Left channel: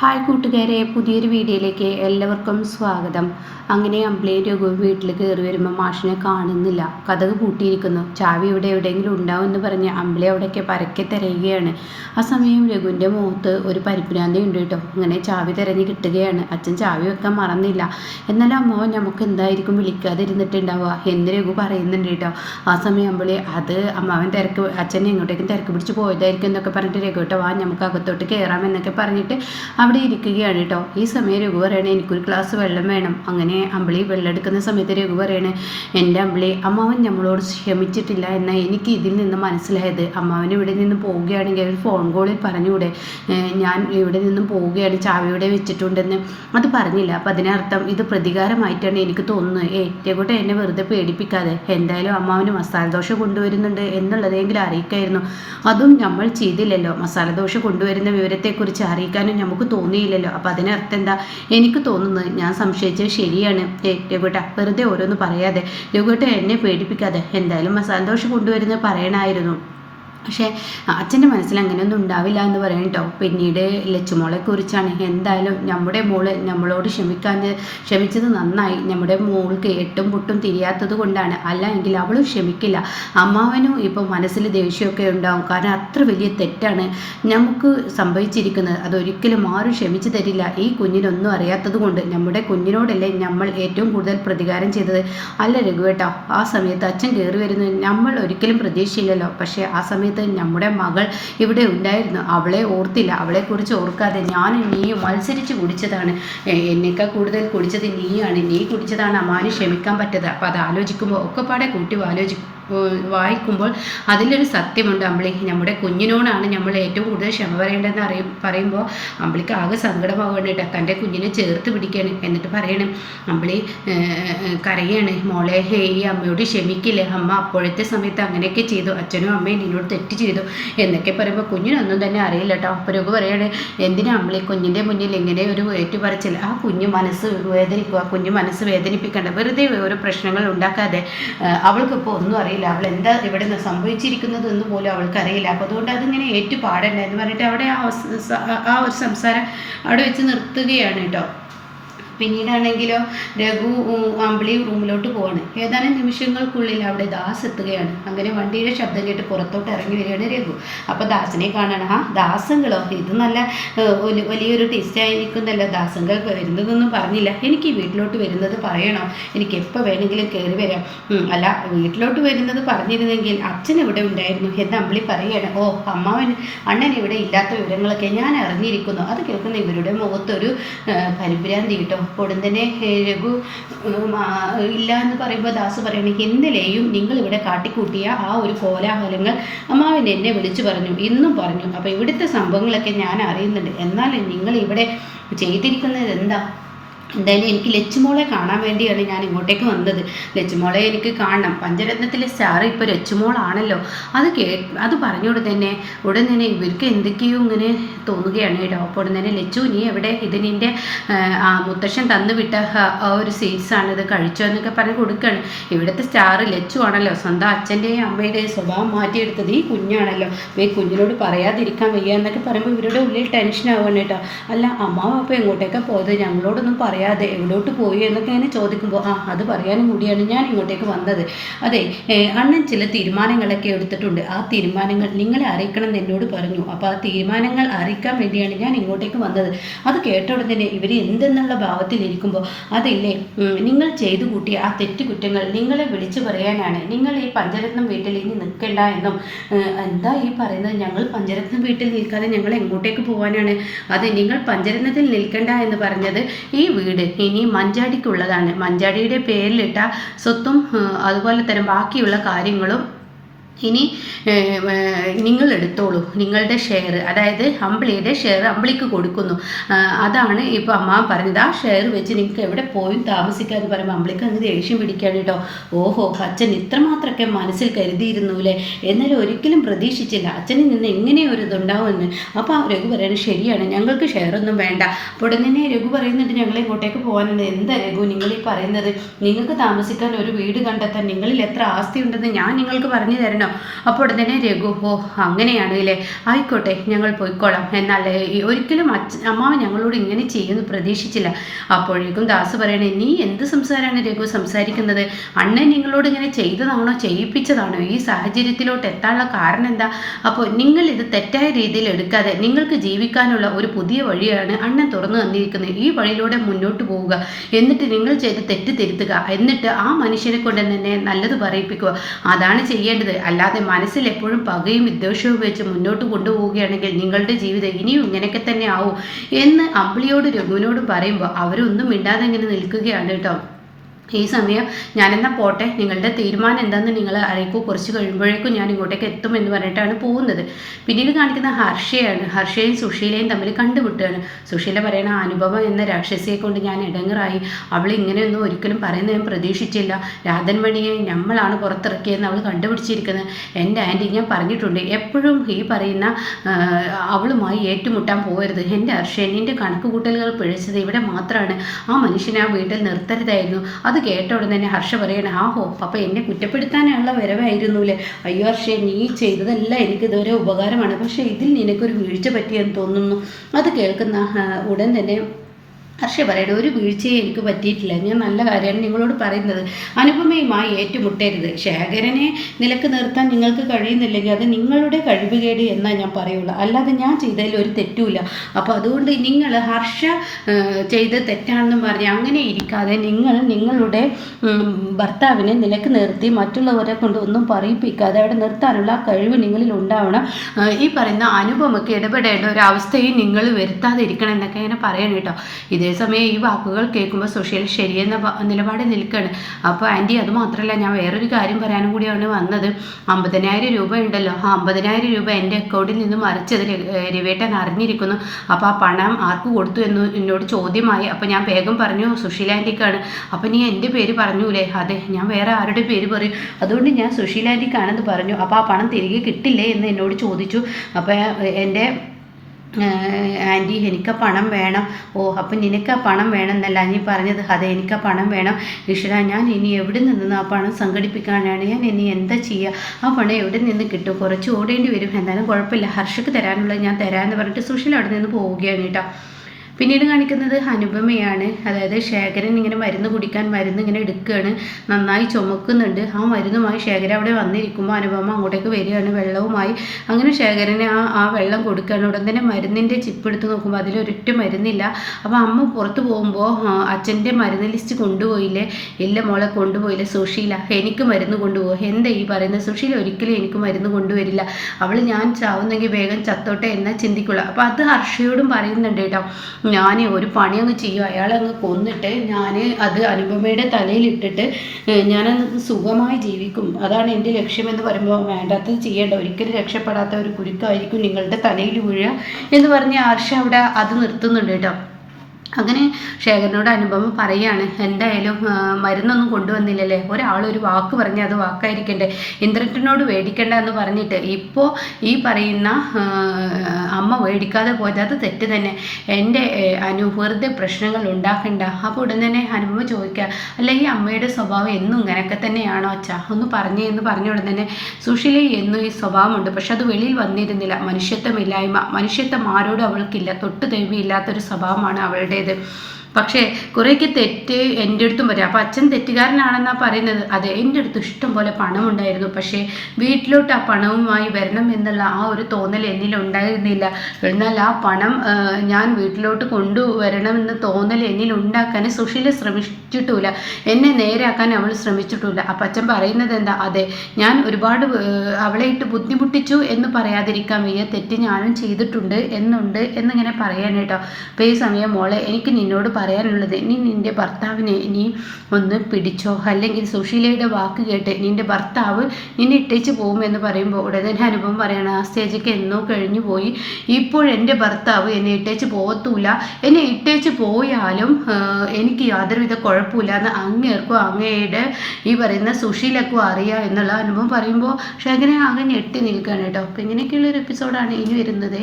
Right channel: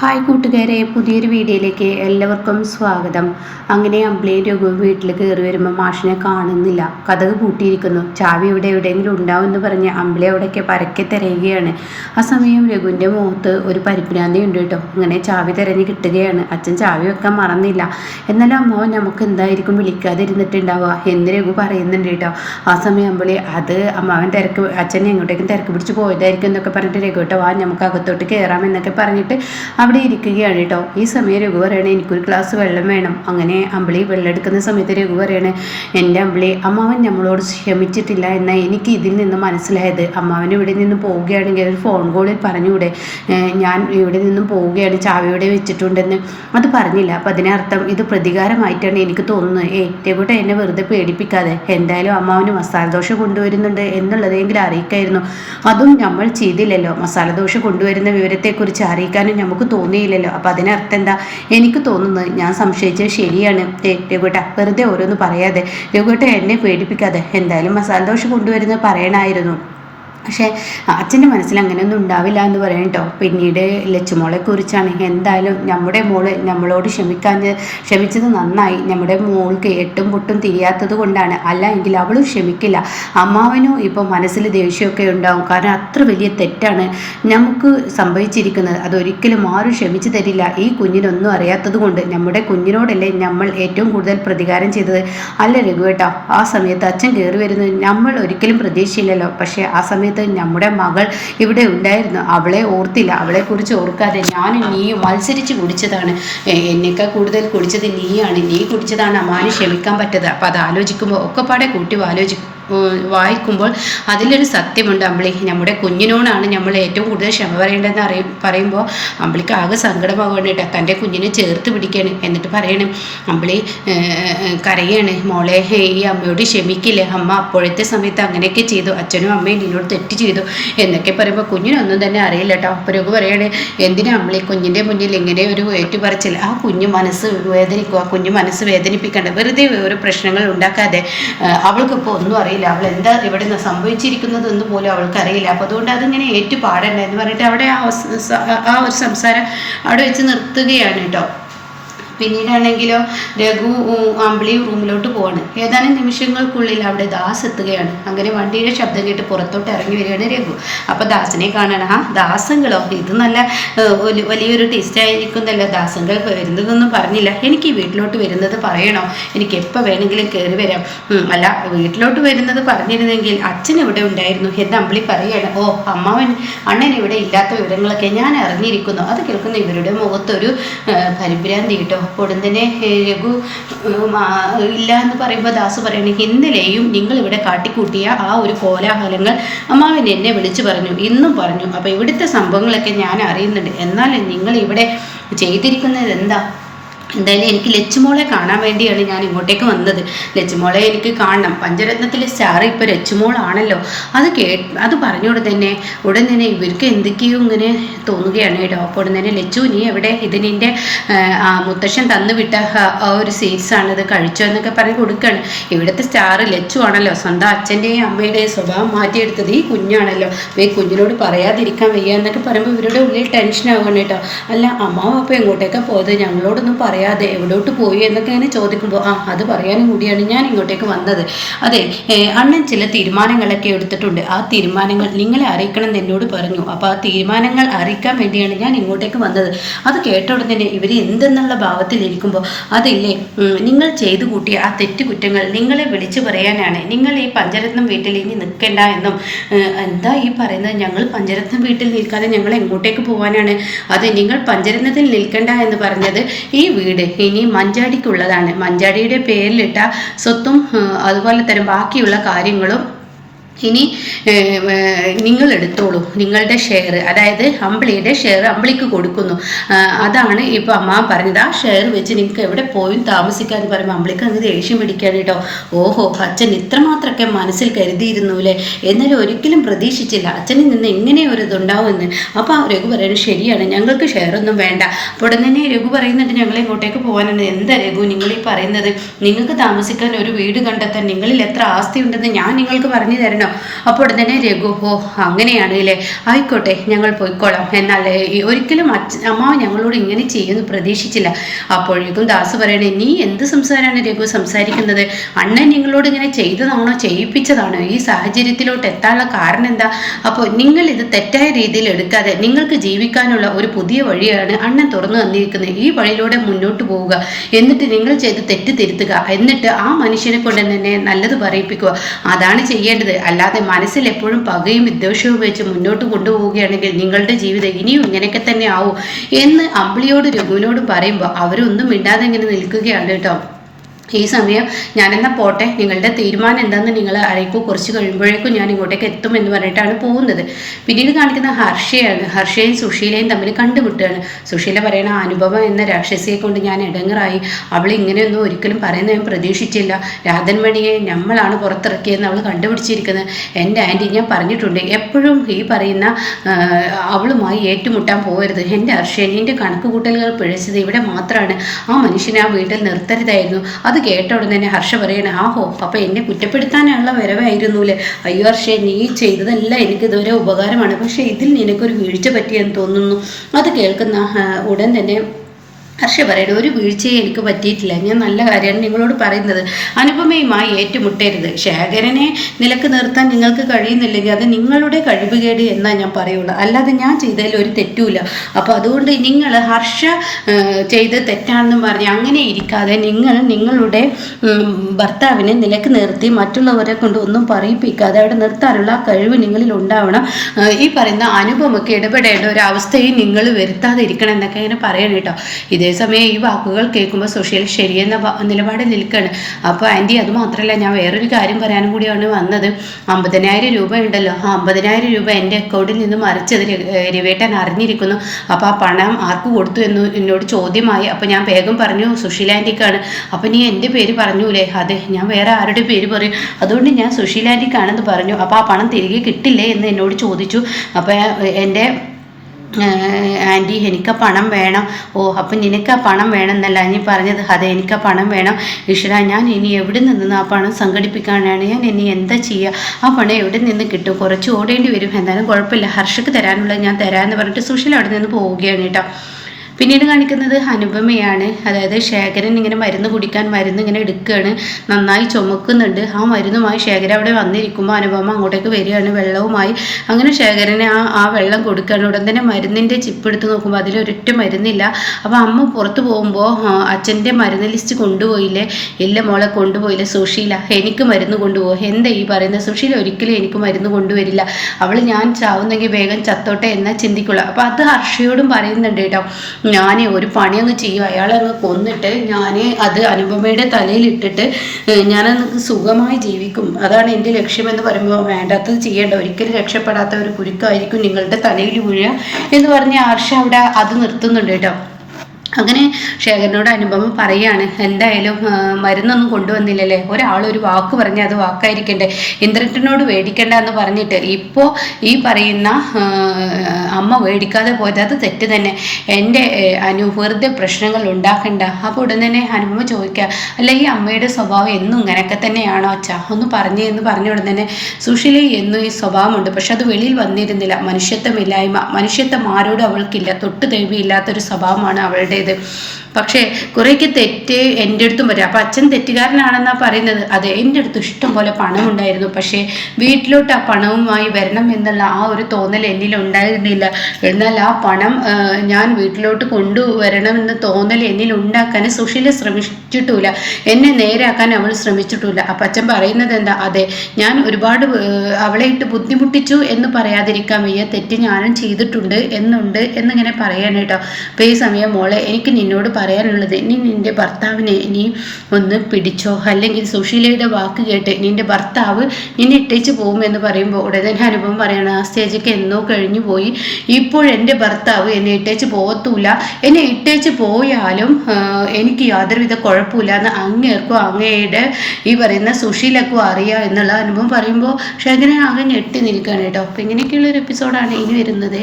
Hi കൂട്ടുകാരെ, പുതിയൊരു വീഡിയോയിലേക്ക് എല്ലാവർക്കും സ്വാഗതം. അങ്ങനെ അമ്പിളിയും രഘുവും വീട്ടിൽ കയറി വരുമ്പോൾ മാഷിനെ കാണുന്നില്ല. കതക് പൂട്ടിയിരിക്കുന്നു. ചാവി ഇവിടെ എവിടെയെങ്കിലും ഉണ്ടാവുമെന്ന് പറഞ്ഞ് അമ്പിളി അവിടേക്ക് പരക്കെ തിരയുകയാണ്. ആ സമയം രഘുവിൻ്റെ മുഖത്ത് ഒരു പരിഭ്രാന്തി ഉണ്ട് കേട്ടോ. അങ്ങനെ ചാവി തിരഞ്ഞ് കിട്ടുകയാണ്. അച്ഛൻ ചാവി വെക്കാൻ മറന്നില്ല. എന്നാലും അമ്മാവൻ നമുക്ക് എന്തായിരിക്കും വിളിക്കാതിരുന്നിട്ടുണ്ടാവുക എന്ന് രഘു പറയുന്നുണ്ട് കേട്ടോ. ആ സമയം അമ്പിളി അത് അമ്മാവൻ അച്ഛൻ എങ്ങോട്ടേക്കും തിരക്ക് പിടിച്ച് പോയതായിരിക്കും എന്നൊക്കെ പറഞ്ഞിട്ട് രഘു കേട്ടോ വാ നമുക്ക് അകത്തോട്ട് കയറാം എന്നൊക്കെ പറഞ്ഞിട്ട് അവിടെ ഇരിക്കുകയാണ് കേട്ടോ. ഈ സമയം രഘു പറയണേ എനിക്കൊരു ഗ്ലാസ് വെള്ളം വേണം. അങ്ങനെ അമ്പിളി വെള്ളം എടുക്കുന്ന സമയത്ത് രഘു പറയണേ എൻ്റെ അമ്പിളി അമ്മാവൻ നമ്മളോട് ക്ഷമിച്ചിട്ടില്ല എന്നാൽ എനിക്ക് ഇതിൽ നിന്ന് മനസ്സിലായത്. അമ്മാവൻ ഇവിടെ നിന്ന് പോവുകയാണെങ്കിൽ ഒരു ഫോൺ കോളിൽ പറഞ്ഞുകൂടെ ഞാൻ ഇവിടെ നിന്നും പോവുകയാണ്, ചാവി ഇവിടെ വെച്ചിട്ടുണ്ടെന്ന്. അത് പറഞ്ഞില്ല. അപ്പം അതിനർത്ഥം ഇത് പ്രതികാരമായിട്ടാണ് എനിക്ക് തോന്നുന്നത്. രഘുട്ട എന്നെ വെറുതെ പേടിപ്പിക്കാതെ. എന്തായാലും അമ്മാവന് മസാലദോശ കൊണ്ടുവരുന്നുണ്ട് എന്നുള്ളതെങ്കിലും അറിയിക്കായിരുന്നു. അതും നമ്മൾ ചെയ്തില്ലല്ലോ. മസാലദോശ കൊണ്ടുവരുന്ന വിവരത്തെക്കുറിച്ച് അറിയിക്കാനും നമുക്ക് തോന്നിയില്ലല്ലോ. അപ്പം അതിനർത്ഥം എന്താ? എനിക്ക് തോന്നുന്നത് ഞാൻ സംശയിച്ചത് ശരിയാണ്. രഘുട്ട വെറുതെ ഓരോന്ന് പറയാതെ, രഘുട്ട എന്നെ പേടിപ്പിക്കാതെ. എന്തായാലും മസാലദോശ കൊണ്ടുവരുന്നത് പറയണമായിരുന്നു. പക്ഷേ അച്ഛൻ്റെ മനസ്സിൽ അങ്ങനെയൊന്നും ഉണ്ടാവില്ല എന്ന് പറയാം കേട്ടോ. പിന്നീട് ലച്ചുമോളെ കുറിച്ചാണ്. എന്തായാലും നമ്മുടെ മോള് നമ്മളോട് ക്ഷമിച്ചത് നന്നായി. നമ്മുടെ മോൾക്ക് എട്ടും പൊട്ടും തിരിയാത്തത് കൊണ്ടാണ്. അല്ല എങ്കിൽ അവളും ക്ഷമിക്കില്ല. അമ്മാവനും ഇപ്പോൾ മനസ്സിൽ ദേഷ്യമൊക്കെ ഉണ്ടാവും. കാരണം അത്ര വലിയ തെറ്റാണ് നമുക്ക് സംഭവിച്ചിരിക്കുന്നത്. അതൊരിക്കലും ആരും ക്ഷമിച്ചു തരില്ല. ഈ കുഞ്ഞിനൊന്നും അറിയാത്തത് കൊണ്ട് നമ്മുടെ കുഞ്ഞിനോടല്ലേ നമ്മൾ ഏറ്റവും കൂടുതൽ പ്രതികാരം ചെയ്തത്. അല്ല രഘുവേട്ടാ, ആ സമയത്ത് അച്ഛൻ കയറി വരുന്നത് നമ്മൾ ഒരിക്കലും പ്രതീക്ഷിച്ചില്ലല്ലോ. പക്ഷേ ആ സമയത്ത് നമ്മുടെ മകൾ ഇവിടെ ഉണ്ടായിരുന്നു. അവളെ ഓർത്തില്ല. അവളെക്കുറിച്ച് ഓർക്കാതെ ഞാനും നീയും മത്സരിച്ച് കുടിച്ചതാണ്. എന്നേക്കാൾ കൂടുതൽ കുടിച്ചത് നീയാണ്. നീ കുടിച്ചതാണ് അമ്മാവന് ക്ഷമിക്കാൻ പറ്റത്. അപ്പം അത് ആലോചിക്കുമ്പോൾ ഒക്കെപ്പാടെ കൂട്ടി വായിക്കുമ്പോൾ അതിലൊരു സത്യമുണ്ട് അമ്പിളി. നമ്മുടെ കുഞ്ഞിനോടാണ് നമ്മൾ ഏറ്റവും കൂടുതൽ ക്ഷമ പറയേണ്ടതെന്ന് പറയുമ്പോൾ അമ്പിളിക്ക് ആകെ സങ്കടമാവുകയാണ് കേട്ടോ. തൻ്റെ കുഞ്ഞിനെ ചേർത്ത് പിടിക്കുകയാണ്. എന്നിട്ട് പറയണം അമ്പിളി കരയാണ് മോളെ, ഈ അമ്മയോട് ക്ഷമിക്കില്ലേ? അമ്മ അപ്പോഴത്തെ സമയത്ത് അങ്ങനെയൊക്കെ ചെയ്തു. അച്ഛനും അമ്മയും നിന്നോട് തെറ്റ് ചെയ്തു എന്നൊക്കെ പറയുമ്പോൾ കുഞ്ഞിനൊന്നും തന്നെ അറിയില്ല കേട്ടോ. അപ്പോൾ രഘു പറയണേ എന്തിനാ അമ്പിളി കുഞ്ഞിൻ്റെ മുന്നിൽ ഇങ്ങനെ ഒരു ഏറ്റുപറച്ചിൽ? ആ കുഞ്ഞു മനസ്സ് വേദനിക്കുക. കുഞ്ഞു മനസ്സ് വേദനിപ്പിക്കേണ്ട. വെറുതെ ഓരോ പ്രശ്നങ്ങൾ ഉണ്ടാക്കാതെ. അവൾക്കിപ്പോൾ ഒന്നും അറിയില്ല. അവൾ എന്താ ഇവിടെ നിന്ന് സംഭവിച്ചിരിക്കുന്നതെന്ന് പോലും അവൾക്കറിയില്ല. അപ്പോൾ അതുകൊണ്ട് അതിങ്ങനെ ഏറ്റുപാടണ്ട എന്ന് പറഞ്ഞിട്ട് അവിടെ ആ ഒരു സംസാരം അവിടെ വെച്ച് നിർത്തുകയാണ് കേട്ടോ. പിന്നീടാണെങ്കിലോ രഘു അമ്പിളി റൂമിലോട്ട് പോവാണ്. ഏതാനും നിമിഷങ്ങൾക്കുള്ളിൽ അവിടെ ദാസ് എത്തുകയാണ്. അങ്ങനെ വണ്ടിയുടെ ശബ്ദം കേട്ട് പുറത്തോട്ട് ഇറങ്ങി വരികയാണ് രഘു. അപ്പോൾ ദാസിനെ കാണണം. ആ ദാസങ്ങളോ, ഇത് നല്ല വലിയൊരു ടേസ്റ്റ് ആയിരിക്കുന്നല്ലോ. ദാസങ്ങൾ വരുന്നതൊന്നും പറഞ്ഞില്ല. എനിക്ക് ഈ വീട്ടിലോട്ട് വരുന്നത് പറയണോ? എനിക്ക് എപ്പോൾ വേണമെങ്കിലും കയറി വരാം. അല്ല, വീട്ടിലോട്ട് വരുന്നത് പറഞ്ഞിരുന്നെങ്കിൽ അച്ഛൻ ഇവിടെ ഉണ്ടായിരുന്നു എന്ന് അമ്പിളി പറയുകയാണ്. ഓ അണ്ണൻ ഇവിടെ ഇല്ലാത്ത വിവരങ്ങളൊക്കെ ഞാൻ അറിഞ്ഞിരിക്കുന്നു. അത് കേൾക്കുന്ന ഇവരുടെ മുഖത്തൊരു പരിഭ്രാന്തി കിട്ടോ. ഉടൻ തന്നെ രഘു ഇല്ല എന്ന് പറയുമ്പോൾ ദാസ് പറയണേ ഇന്നലെയും നിങ്ങൾ ഇവിടെ കാട്ടിക്കൂട്ടിയ ആ ഒരു കോലാഹലങ്ങൾ അമ്മാവൻ എന്നെ വിളിച്ചു പറഞ്ഞു, ഇന്നും പറഞ്ഞു. അപ്പോൾ ഇവിടുത്തെ സംഭവങ്ങളൊക്കെ ഞാൻ അറിയുന്നുണ്ട്. എന്നാൽ നിങ്ങൾ ഇവിടെ ചെയ്തിരിക്കുന്നത് എന്താ? എന്തായാലും എനിക്ക് ലച്ചുമോളെ കാണാൻ വേണ്ടിയാണ് ഞാൻ ഇങ്ങോട്ടേക്ക് വന്നത്. ലച്ചുമോളെ എനിക്ക് കാണണം. പഞ്ചരത്നത്തിലെ സ്റ്റാർ ഇപ്പോൾ ലച്ചുമോളാണല്ലോ. അത് പറഞ്ഞുകൊണ്ട് തന്നെ ഉടൻ തന്നെ ഇവർക്ക് എന്തൊക്കെയോ ഇങ്ങനെ തോന്നുകയാണ് കേട്ടോ. അപ്പോൾ ഉടൻ തന്നെ ലച്ചു നീ എവിടെ? ഇത് നിൻ്റെ മുത്തശ്ശൻ തന്നുവിട്ട ആ ഒരു സീറ്റ്സാണ്, ഇത് കഴിച്ചോ എന്നൊക്കെ പറഞ്ഞ് കൊടുക്കുകയാണ്. ഇവിടുത്തെ സ്റ്റാർ ലച്ചു ആണല്ലോ. സ്വന്തം അച്ഛൻ്റെയും അമ്മയുടെയും സ്വഭാവം മാറ്റിയെടുത്തത് ഈ കുഞ്ഞാണല്ലോ. അപ്പോൾ ഈ കുഞ്ഞിനോട് പറയാതിരിക്കാൻ വയ്യ എന്നൊക്കെ പറയുമ്പോൾ ഇവരുടെ ഉള്ളിൽ ടെൻഷൻ ആവുകയാണ് കേട്ടോ. അല്ല അമ്മാവ് അപ്പോൾ എങ്ങോട്ടേക്കാണ് പോയത്? ഞങ്ങളോടൊന്നും പറയാതെ എവിടോട്ട് പോയി എന്നൊക്കെ അങ്ങനെ ചോദിക്കുമ്പോൾ അത് പറയാനും കൂടിയാണ് ഞാൻ ഇങ്ങോട്ടേക്ക് വന്നത്. അതെ, അണ്ണൻ ചില തീരുമാനങ്ങളൊക്കെ എടുത്തിട്ടുണ്ട്. ആ തീരുമാനങ്ങൾ നിങ്ങളെ അറിയിക്കണം എന്ന് എന്നോട് പറഞ്ഞു. അപ്പോൾ ആ തീരുമാനങ്ങൾ അറിയിക്കാൻ വേണ്ടിയാണ് ഞാൻ ഇങ്ങോട്ടേക്ക് വന്നത്. അത് കേട്ട ഉടനെ തന്നെ ഇവർ എന്തെന്നുള്ള ഭാവത്തിലിരിക്കുമ്പോൾ അതില്ലേ നിങ്ങൾ ചെയ്തു കൂട്ടിയ ആ തെറ്റുകുറ്റങ്ങൾ നിങ്ങളെ വിളിച്ചു പറയാനാണ്. നിങ്ങൾ ഈ പഞ്ചരത്നം വീട്ടിൽ ഇനി നിൽക്കേണ്ട എന്നും. എന്താ ഈ പറയുന്നത്? ഞങ്ങൾ പഞ്ചരത്നം വീട്ടിൽ നിൽക്കാതെ ഞങ്ങൾ എങ്ങോട്ടേക്ക് പോകാനാണ്? അത് നിങ്ങൾ പഞ്ചരത്നത്തിൽ നിൽക്കേണ്ട എന്ന് പറഞ്ഞത് ഈ വീട് ഇനി മഞ്ചാടിക്കുള്ളതാണ്. മഞ്ചാടിയുടെ പേരിലിട്ട സ്വത്തും അതുപോലെ തന്നെ ബാക്കിയുള്ള കാര്യങ്ങളും ഇനി നിങ്ങൾ എടുത്തോളൂ. നിങ്ങളുടെ ഷെയർ, അതായത് അമ്പിളിയുടെ ഷെയർ അമ്പിളിക്ക് കൊടുക്കുന്നു. അതാണ് ഇപ്പോൾ അമ്മ പറഞ്ഞത്. ആ ഷെയർ വെച്ച് നിങ്ങൾക്ക് എവിടെ പോയും താമസിക്കാമെന്ന് പറയുമ്പോൾ അമ്പിളിക്ക് അങ്ങ് ദേഷ്യം പിടിക്കുകയാണ് കേട്ടോ. ഓഹോ, അച്ഛൻ ഇത്രമാത്രമൊക്കെ മനസ്സിൽ കരുതിയിരുന്നു അല്ലേ? എന്നാലും ഒരിക്കലും പ്രതീക്ഷിച്ചില്ല അച്ഛനിൽ നിന്ന് ഇങ്ങനെ ഒരു ഇതുണ്ടാവുമെന്ന്. അപ്പോൾ ആ രഘു പറയുന്നത് ശരിയാണ്, ഞങ്ങൾക്ക് ഷെയറൊന്നും വേണ്ട. അപ്പോൾ ഉടൻ തന്നെ രഘു പറയുന്നുണ്ട് ഞങ്ങൾ ഇങ്ങോട്ടേക്ക് പോകാനുണ്ട്. എന്താ രഘു നിങ്ങൾ ഈ പറയുന്നത്? നിങ്ങൾക്ക് താമസിക്കാൻ ഒരു വീട് കണ്ടെത്താൻ നിങ്ങളിൽ എത്ര ആസ്തി ഉണ്ടെന്ന് ഞാൻ നിങ്ങൾക്ക് പറഞ്ഞു തരണോ? അപ്പോൾ ഉടൻ തന്നെ രഘു ഓ അങ്ങനെയാണ് അല്ലേ, ആയിക്കോട്ടെ ഞങ്ങൾ പോയിക്കോളാം. എന്നാൽ ഒരിക്കലും അമ്മാവ് ഞങ്ങളോട് ഇങ്ങനെ ചെയ്യുമെന്ന് പ്രതീക്ഷിച്ചില്ല. അപ്പോഴേക്കും ദാസ് പറയണേ, നീ എന്ത് സംസാരമാണ് രഘു സംസാരിക്കുന്നത്? അണ്ണൻ നിങ്ങളോട് ഇങ്ങനെ ചെയ്തതാണോ ചെയ്യിപ്പിച്ചതാണോ? ഈ സാഹചര്യത്തിലോട്ട് എത്താനുള്ള കാരണം എന്താ? അപ്പോൾ നിങ്ങൾ ഇത് തെറ്റായ രീതിയിൽ എടുക്കാതെ നിങ്ങൾക്ക് ജീവിക്കാനുള്ള ഒരു പുതിയ വഴിയാണ് അണ്ണൻ തുറന്നു തന്നിരിക്കുന്നത്. ഈ വഴിയിലൂടെ മുന്നോട്ട് പോവുക, എന്നിട്ട് നിങ്ങൾ ചെയ്ത് തെറ്റ് തിരുത്തുക, എന്നിട്ട് ആ മനുഷ്യനെ കൊണ്ട് തന്നെ നല്ലത് പറയിപ്പിക്കുക. അതാണ് ചെയ്യേണ്ടത്. അല്ലാതെ മനസ്സിൽ എപ്പോഴും പകയും വിദ്വേഷവും വെച്ച് മുന്നോട്ട് കൊണ്ടുപോവുകയാണെങ്കിൽ നിങ്ങളുടെ ജീവിതം ഇനിയും ഇങ്ങനെയൊക്കെ തന്നെ ആവും എന്ന് അമ്പിളിയോട് രഘുവിനോട് പറയുമ്പോൾ അവരൊന്നും മിണ്ടാതെ ഇങ്ങനെ നിൽക്കുകയാണ് കേട്ടോ. ഈ സമയം ഞാനെന്നാൽ പോട്ടെ, നിങ്ങളുടെ തീരുമാനം എന്താണെന്ന് നിങ്ങൾ അറിയിക്കൂ, കുറച്ച് കഴിയുമ്പോഴേക്കും ഞാൻ ഇങ്ങോട്ടേക്ക് എത്തും എന്ന് പറഞ്ഞിട്ടാണ് പോകുന്നത്. പിന്നീട് കാണിക്കുന്ന ഹർഷയാണ്. ഹർഷയും സുശീലയും തമ്മിൽ കണ്ടുമുട്ടുകയാണ്. സുശീല പറയണ അനുഭവം എന്ന രാക്ഷസിയെ കൊണ്ട് ഞാൻ ഇടങ്ങറായി. അവൾ ഇങ്ങനെയൊന്നും ഒരിക്കലും പറയുന്നത് ഞാൻ പ്രതീക്ഷിച്ചില്ല. രാധൻമണിയെ നമ്മളാണ് പുറത്തിറക്കിയെന്ന് അവൾ കണ്ടുപിടിച്ചിരിക്കുന്നത്. എൻ്റെ ആൻറ്റി ഞാൻ പറഞ്ഞിട്ടുണ്ട്, എപ്പോഴും ഈ പറയുന്ന അവളുമായി ഏറ്റുമുട്ടാൻ പോകരുത്. എൻ്റെ ഹർഷയെ നിൻ്റെ കണക്ക് കൂട്ടലുകൾ പിഴച്ചത് ഇവിടെ മാത്രമാണ്. ആ മനുഷ്യനെ ആ വീട്ടിൽ നിർത്തരുതായിരുന്നു. അത് കേട്ട ഉടനെ തന്നെ ഹർഷ പറയണേ, ആഹോ അപ്പോൾ എന്നെ കുറ്റപ്പെടുത്താനുള്ള വരവായിരുന്നൂലേ? അയ്യോ ഹർഷേ, നീ ചെയ്തതല്ല എനിക്ക് ഇതുവരെ ഉപകാരമാണ്, പക്ഷേ ഇതിൽ നിനക്കൊരു വീഴ്ച പറ്റിയെന്ന് തോന്നുന്നു. അത് കേൾക്കുന്ന ഉടൻ തന്നെ ഹർഷ പറയണേ, ഒരു വീഴ്ചയെ എനിക്ക് പറ്റിയിട്ടില്ല, ഞാൻ നല്ല കാര്യമാണ് നിങ്ങളോട് പറയുന്നത്. അനുപമയുമായി ഏറ്റുമുട്ടരുത്. ശേഖരനെ നിലക്ക് നിർത്താൻ നിങ്ങൾക്ക് കഴിയുന്നില്ലെങ്കിൽ അത് നിങ്ങളുടെ കഴിവുകേട് എന്നാ ഞാൻ പറയുള്ളൂ, അല്ലാതെ ഞാൻ ചെയ്തതിൽ ഒരു തെറ്റുമില്ല. അപ്പോൾ അതുകൊണ്ട് നിങ്ങൾ ഹർഷ ചെയ്ത് തെറ്റാണെന്ന് പറഞ്ഞ് അങ്ങനെ ഇരിക്കാതെ നിങ്ങൾ നിങ്ങളുടെ ഭർത്താവിനെ നിലക്ക് നിർത്തി മറ്റുള്ളവരെ കൊണ്ട് ഒന്നും പറയിപ്പിക്കാതെ അവിടെ നിർത്താനുള്ള കഴിവ് നിങ്ങളിൽ ഉണ്ടാവണം. ഈ പറയുന്ന അനുപമയ്ക്ക് ഇടപെടേണ്ട ഒരു അവസ്ഥയും നിങ്ങൾ വരുത്താതെ ഇരിക്കണം എന്നൊക്കെ ഇങ്ങനെ പറയണം കേട്ടോ. ഇതേസമയം ഈ വാക്കുകൾ കേൾക്കുമ്പോൾ സുശീല ശരിയെന്ന നിലപാടിൽ നിൽക്കുകയാണ്. അപ്പോൾ ആൻറ്റി, അത് മാത്രമല്ല ഞാൻ വേറൊരു കാര്യം പറയാനും കൂടിയാണ് വന്നത്. 50,000 രൂപ ഉണ്ടല്ലോ, ആ 50,000 രൂപ എൻ്റെ അക്കൗണ്ടിൽ നിന്ന് മറിച്ചത് രവേട്ടൻ അറിഞ്ഞിരിക്കുന്നു. അപ്പോൾ ആ പണം ആർക്ക് കൊടുത്തു എന്ന് എന്നോട് ചോദ്യമായി. അപ്പോൾ ഞാൻ വേഗം പറഞ്ഞു സുശീല ആൻറ്റിക്കാണ്. അപ്പോൾ നീ എൻ്റെ പേര് പറഞ്ഞൂലേ? അതെ, ഞാൻ വേറെ ആരുടെ പേര് പറയും, അതുകൊണ്ട് ഞാൻ സുശീല ആൻറ്റിക്കാണെന്ന് പറഞ്ഞു. അപ്പോൾ ആ പണം തിരികെ കിട്ടില്ലേ എന്ന് എന്നോട് ചോദിച്ചു. അപ്പോൾ എൻ്റെ ആൻറ്റി എനിക്ക് പണം വേണം. ഓ, അപ്പം നിനക്ക് ആ പണം വേണമെന്നല്ല നീ പറഞ്ഞത്? അതെ, എനിക്ക് ആ പണം വേണം. ഈശ്വര, ഞാൻ ഇനി എവിടെ നിന്ന് ആ പണം സംഘടിപ്പിക്കാനാണ്? ഞാൻ ഇനി എന്താ ചെയ്യുക? ആ പണം എവിടെ നിന്ന് കിട്ടും? കുറച്ച് ഓടേണ്ടി വരും, എന്നാലും കുഴപ്പമില്ല, ഹർഷക്ക് തരാനുള്ളത് ഞാൻ തരാമെന്ന് പറഞ്ഞിട്ട് സുശീല അവിടെ നിന്ന് പോവുകയാണ് കേട്ടോ. പിന്നീട് കാണിക്കുന്നത് അനുപമയാണ്. അതായത് ശേഖരൻ ഇങ്ങനെ മരുന്ന് കുടിക്കാൻ മരുന്ന് ഇങ്ങനെ എടുക്കുകയാണ്, നന്നായി ചുമക്കുന്നുണ്ട്. ആ മരുന്നുമായി ശേഖരൻ അവിടെ വന്നിരിക്കുമ്പോൾ അനുപമ അങ്ങോട്ടേക്ക് വരികയാണ് വെള്ളവുമായി. അങ്ങനെ ശേഖരന് ആ വെള്ളം കൊടുക്കുകയാണ്. ഉടൻ തന്നെ മരുന്നിൻ്റെ ചിപ്പ് എടുത്ത് നോക്കുമ്പോൾ അതിലൊരൊറ്റ മരുന്നില്ല. അപ്പോൾ അമ്മ പുറത്ത് പോകുമ്പോൾ അച്ഛൻ്റെ മരുന്ന് ലിസ്റ്റ് കൊണ്ടുപോയില്ലേ? ഇല്ല മോളെ, കൊണ്ടുപോയില്ല. സുശീല എനിക്ക് മരുന്ന് കൊണ്ടുപോകും. എന്താ ഈ പറയുന്നത്? സുശീല ഒരിക്കലും എനിക്ക് മരുന്ന് കൊണ്ടുവരില്ല. അവൾ ഞാൻ ചാവുന്നെങ്കിൽ വേഗം ചത്തോട്ടെ എന്നാൽ ചിന്തിക്കുള്ളൂ. അപ്പോൾ അത് ഹർഷയോടും പറയുന്നുണ്ട് കേട്ടോ. ഞാൻ ഒരു പണി അങ്ങ് ചെയ്യും, അയാളെ അങ്ങ് കൊന്നിട്ട് ഞാൻ അത് അനുപമയുടെ തലയിലിട്ടിട്ട് ഞാനങ്ങ് സുഖമായി ജീവിക്കും, അതാണ് എൻ്റെ ലക്ഷ്യമെന്ന് പറയുമ്പോൾ വേണ്ടാത്തത് ചെയ്യേണ്ട, ഒരിക്കലും രക്ഷപ്പെടാത്ത ഒരു കുരുക്കായിരിക്കും നിങ്ങളുടെ തലയിൽ വീഴുക എന്ന് പറഞ്ഞ് ഹർഷ അവിടെ അത് നിർത്തുന്നുണ്ട് കേട്ടോ. അങ്ങനെ ശേഖരനോട് അനുപമ പറയാണ്, എന്തായാലും മരുന്നൊന്നും കൊണ്ടുവന്നില്ലല്ലേ? ഒരാളൊരു വാക്ക് പറഞ്ഞാൽ അത് വാക്കായിരിക്കണ്ടേ? ഇന്ദ്രട്ടനോട് മേടിക്കണ്ട എന്ന് പറഞ്ഞിട്ട് ഇപ്പോൾ ഈ പറയുന്ന അമ്മ മേടിക്കാതെ പോയത് അത് തെറ്റ് തന്നെ. എൻ്റെ വെറുതെ പ്രശ്നങ്ങൾ ഉണ്ടാക്കണ്ട. അപ്പോൾ ഉടൻ തന്നെ അനുപമ ചോദിക്കുക, അല്ല ഈ അമ്മയുടെ സ്വഭാവം എന്നും ഇങ്ങനെയൊക്കെ തന്നെയാണോ അച്ഛാ? ഒന്ന് പറഞ്ഞേ എന്ന് പറഞ്ഞ ഉടൻ തന്നെ സുശീല എന്നും ഈ സ്വഭാവമുണ്ട്, പക്ഷെ അത് വെളിയിൽ വന്നിരുന്നില്ല. മനുഷ്യത്വമില്ലായ്മ, മനുഷ്യത്വം ആരോടും അവൾക്കില്ല, തൊട്ട് ദൈവമില്ലാത്തൊരു സ്വഭാവമാണ് അവളുടെ. പക്ഷേ കുറേയൊക്കെ തെറ്റ് എൻ്റെ അടുത്തും വരും. അപ്പം അച്ഛൻ തെറ്റുകാരനാണെന്നാണ് പറയുന്നത്. അതെ, എൻ്റെ അടുത്ത് ഇഷ്ടം പോലെ പണം ഉണ്ടായിരുന്നു, പക്ഷേ വീട്ടിലോട്ട് ആ പണവുമായി വരണം എന്നുള്ള ആ ഒരു തോന്നൽ എന്നിൽ ഉണ്ടായിരുന്നില്ല. എന്നാൽ ആ പണം ഞാൻ വീട്ടിലോട്ട് കൊണ്ടുവരണമെന്ന് തോന്നൽ എന്നിൽ ഉണ്ടാക്കാൻ സുശീല ശ്രമിച്ചിട്ടില്ല, എന്നെ നേരാക്കാൻ അവൾ ശ്രമിച്ചിട്ടില്ല. അപ്പം അച്ഛൻ പറയുന്നത് എന്താ? അതെ, ഞാൻ ഒരുപാട് അവളെ ഇട്ട് ബുദ്ധിമുട്ടിച്ചു എന്ന് പറയാതിരിക്കാൻ വയ്യ, തെറ്റ് ഞാനും ചെയ്തിട്ടുണ്ട് എന്നിങ്ങനെ പറയാൻ കേട്ടോ. അപ്പോൾ ഈ സമയം മോളെ, എനിക്ക് നിന്നോട് പറയാനുള്ളത്, ഇനി നിന്റെ ഭർത്താവിനെ നീ ഒന്ന് പിടിച്ചോ, അല്ലെങ്കിൽ സുശീലയുടെ വാക്ക് കേട്ട് നിന്റെ ഭർത്താവ് നിന്നെ ഇട്ടേച്ച് പോകുമെന്ന് പറയുമ്പോൾ ഉടനെ അനുഭവം പറയണം, ആ സ്റ്റേജൊക്കെ എന്നോ കഴിഞ്ഞു പോയി. ഇപ്പോഴെൻ്റെ ഭർത്താവ് എന്നെ ഇട്ടേച്ച് പോകത്തൂല, എന്നെ ഇട്ടേച്ച് പോയാലും എനിക്ക് യാതൊരുവിധ കുഴപ്പമില്ല എന്ന് അങ്ങേർക്കും അങ്ങയുടെ ഈ പറയുന്ന സുശീലക്കും അറിയാം എന്നുള്ള അനുഭവം പറയുമ്പോൾ ശേഖരൻ ആകെ ഞെട്ടി നിൽക്കുകയാണ് കേട്ടോ. അപ്പോൾ ഇങ്ങനെയൊക്കെയുള്ളൊരു എപ്പിസോഡാണ് ഇനി വരുന്നത്.